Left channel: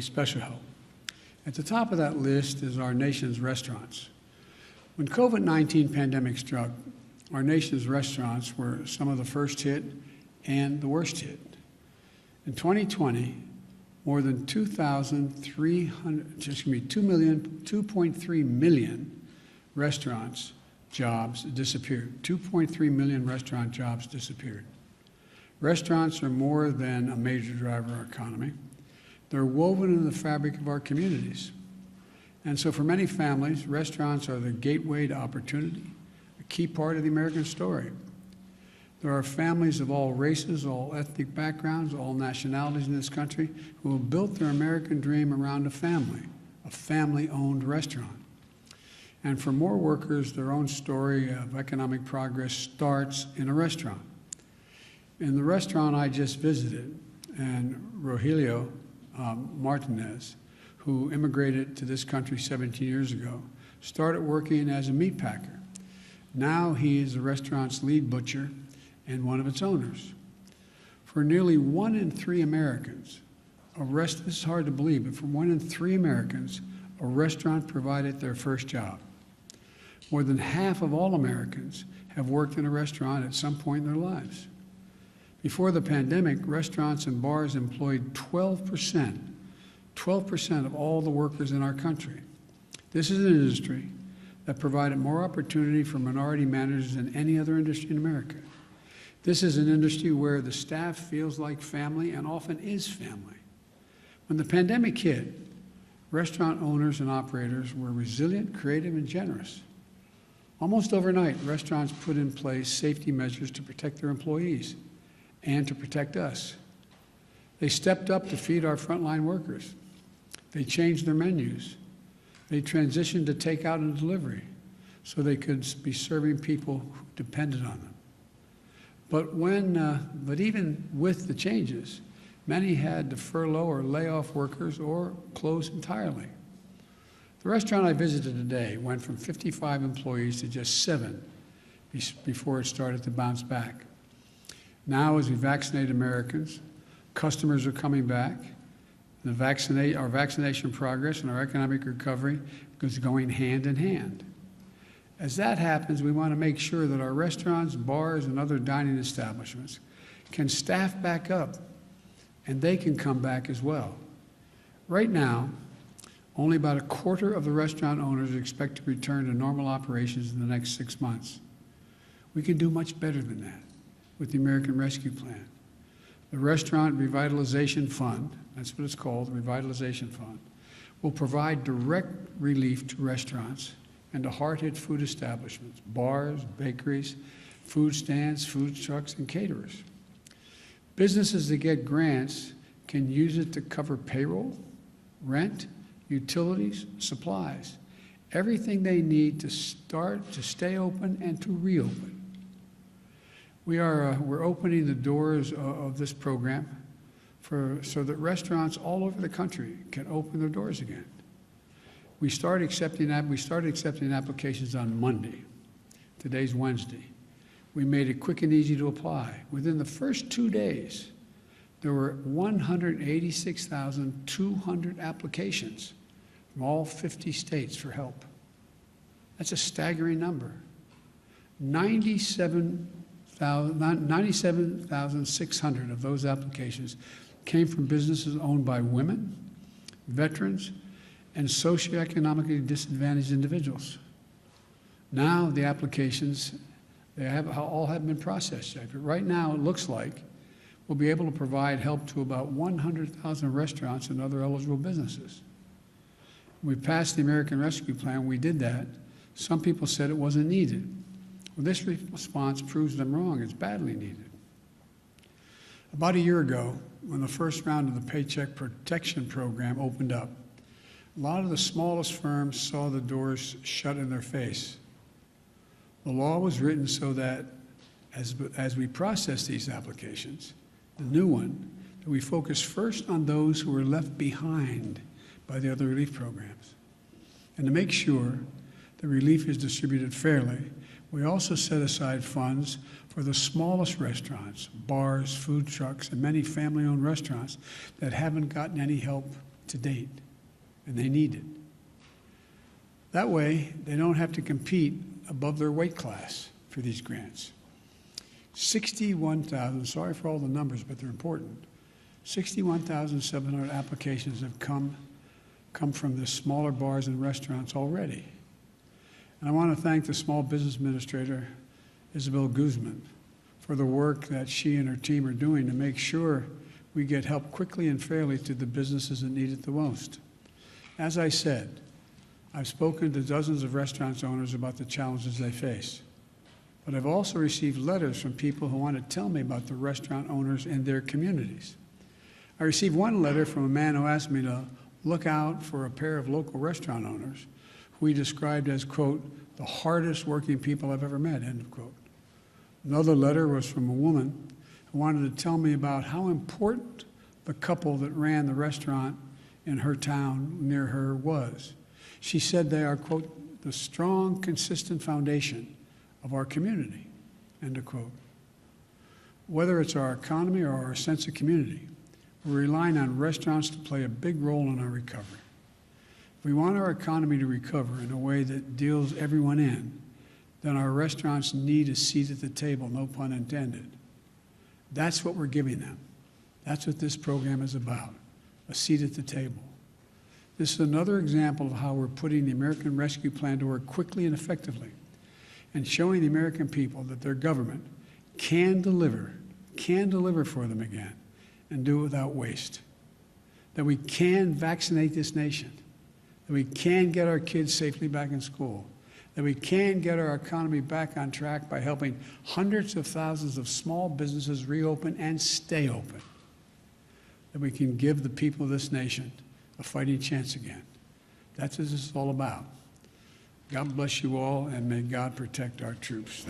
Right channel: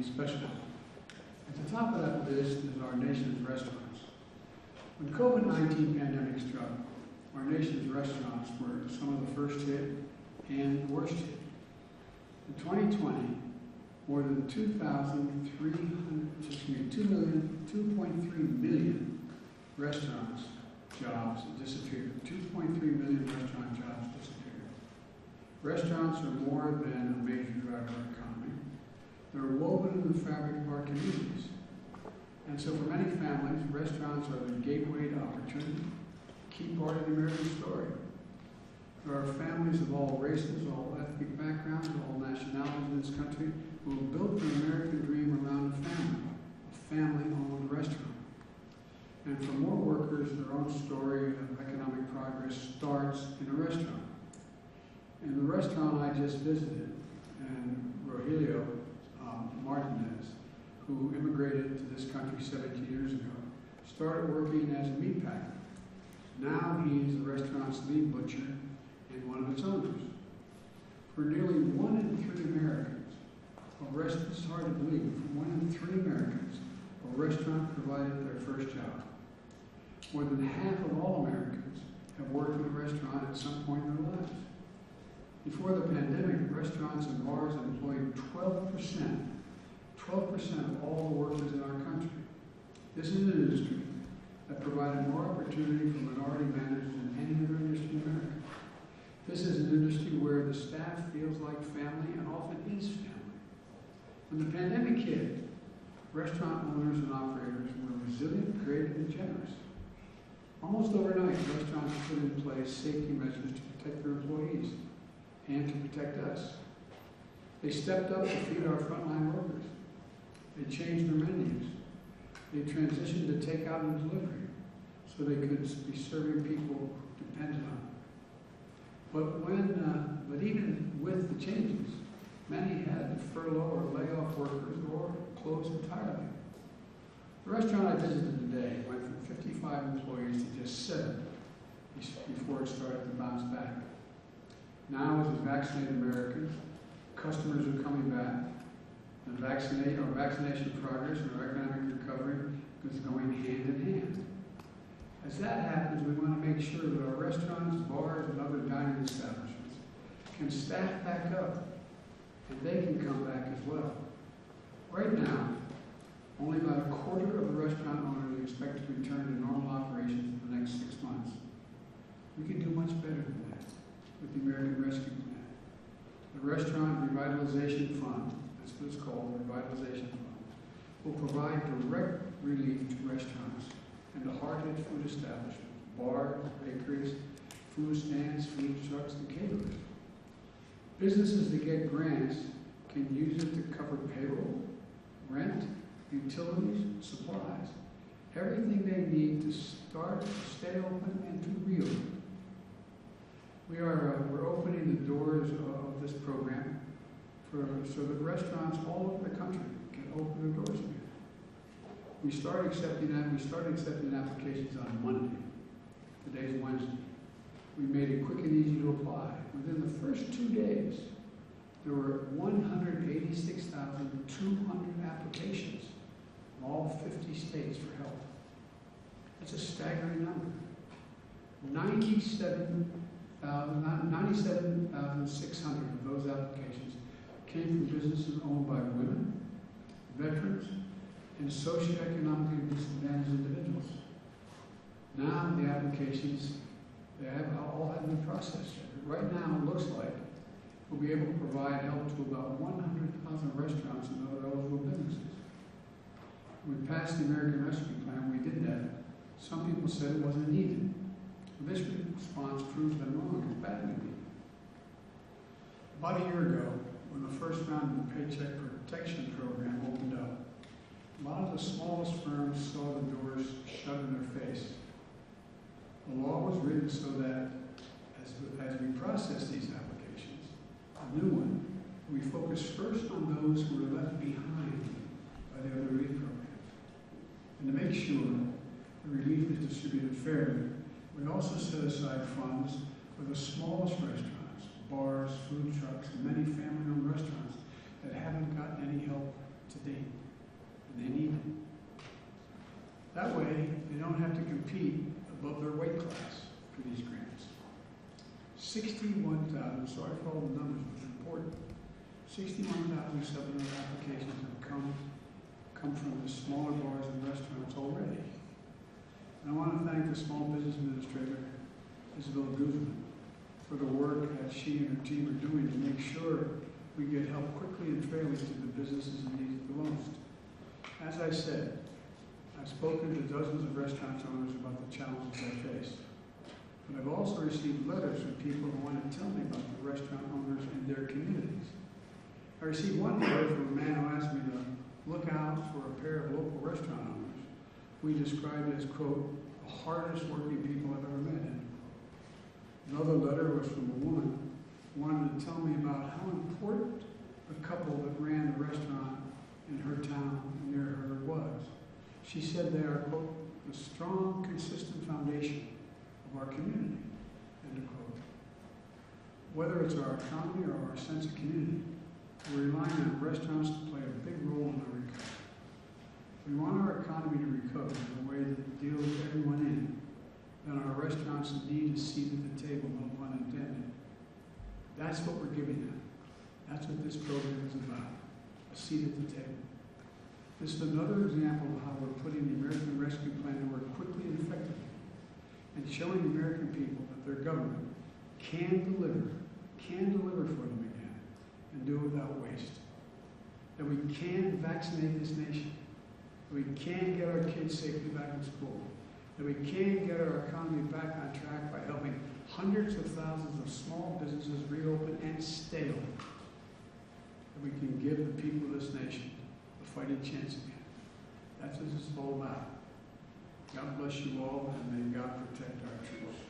need special help. At the top of that list is our nation's restaurants. When COVID-19 pandemic struck, our nation's restaurants were some of the first hit and the worst hit. In 2020, more than 2.3 million restaurants jobs disappeared. 2.3 million restaurant jobs disappeared. Restaurants are more than a major driver of our economy. They're woven into the fabric of our communities. And so for many families, restaurants are the gateway to opportunity, a key part of the American story. There are families of all races, all ethnic backgrounds, all nationalities in this country who have built their American dream around a family-owned restaurant. And for more workers, their own story of economic progress starts in a restaurant. In the restaurant I just visited, and Rogelio Martinez, who immigrated to this country 17 years ago, started working as a meat packer. Now he is the restaurant's lead butcher and one of its owners. For nearly 1 in 3 Americans, this is hard to believe, but for 1 in 3 Americans, a restaurant provided their first job. More than half of all Americans have worked in a restaurant at some point in their lives. Before the pandemic, restaurants and bars employed 12% of all the workers in our country. This is an industry that provided more opportunity for minority managers than any other industry in America. This is an industry where the staff feels like family and often is family. When the pandemic hit, restaurant owners and operators were resilient, creative, and generous. Almost overnight, restaurants put in place safety measures to protect their employees and to protect us. They stepped up to feed our frontline workers. They changed their menus. They transitioned to takeout and delivery so they could be serving people who depended on them. But even with the changes, many had to furlough or lay off workers or close entirely. The restaurant I visited today went from 55 employees to just 7 before it started to bounce back. Now, as we vaccinate Americans, customers are coming back. Our vaccination progress and our economic recovery is going hand in hand. As that happens, we want to make sure that our restaurants, bars, and other dining establishments can staff back up, and they can come back as well. Right now, only about a quarter of the restaurant owners expect to return to normal operations in the next 6 months. We can do much better than that with the American Rescue Plan. The Restaurant Revitalization Fund, that's what it's called, the Revitalization Fund, will provide direct relief to restaurants and to hard-hit food establishments, bars, bakeries, food stands, food trucks, and caterers. Businesses that get grants can use it to cover payroll, rent, utilities, supplies, everything they need to stay open and to reopen. We're opening the doors of this program so that restaurants all over the country can open their doors again. We started accepting applications on Monday. Today's Wednesday. We made it quick and easy to apply. Within the first 2 days, there were 186,200 applications from all 50 states for help. That's a staggering number. 97,600 of those applications came from businesses owned by women, veterans, and socioeconomically disadvantaged individuals. Now the applications, all have been processed. Right now it looks like we'll be able to provide help to about 100,000 restaurants and other eligible businesses. When we passed the American Rescue Plan, we did that. Some people said it wasn't needed. Well, this response proves them wrong. It's badly needed. About a year ago, when the first round of the Paycheck Protection Program opened up, a lot of the smallest firms saw the doors shut in their face. The law was written so that as we process these applications, a new one, that we focus first on those who were left behind by the other relief programs. And to make sure the relief is distributed fairly, we also set aside funds for the smallest restaurants, bars, food trucks, and many family-owned restaurants that haven't gotten any help to date, and they need it. That way, they don't have to compete above their weight class for these grants. 61,000, sorry for all the numbers, but they're important. 61,700 applications have come from the smaller bars and restaurants already. And I want to thank the Small Business Administrator, Isabel Guzman, for the work that she and her team are doing to make sure we get help quickly and fairly to the businesses that need it the most. As I said, I've spoken to dozens of restaurant owners about the challenges they face. But I've also received letters from people who want to tell me about the restaurant owners in their communities. I received one letter from a man who asked me to look out for a pair of local restaurant owners who he described as, quote, the hardest working people I've ever met, end of quote. Another letter was from a woman who wanted to tell me about how important the couple that ran the restaurant in her town near her was. She said they are, quote, the strong, consistent foundation of our community, end of quote. Whether it's our economy or our sense of community, we're relying on restaurants to play a big role in our recovery. If we want our economy to recover in a way that deals everyone in, then our restaurants need a seat at the table, no pun intended. That's what we're giving them. That's what this program is about, a seat at the table. This is another example of how we're putting the American Rescue Plan to work quickly and effectively and showing the American people that their government can deliver for them again and do it without waste. That we can vaccinate this nation, that we can get our kids safely back in school, that we can get our economy back on track by helping hundreds of thousands of small businesses reopen and stay open, that we can give the people of this nation a fighting chance again. That's what this is all about. God bless you all, and may God protect our troops.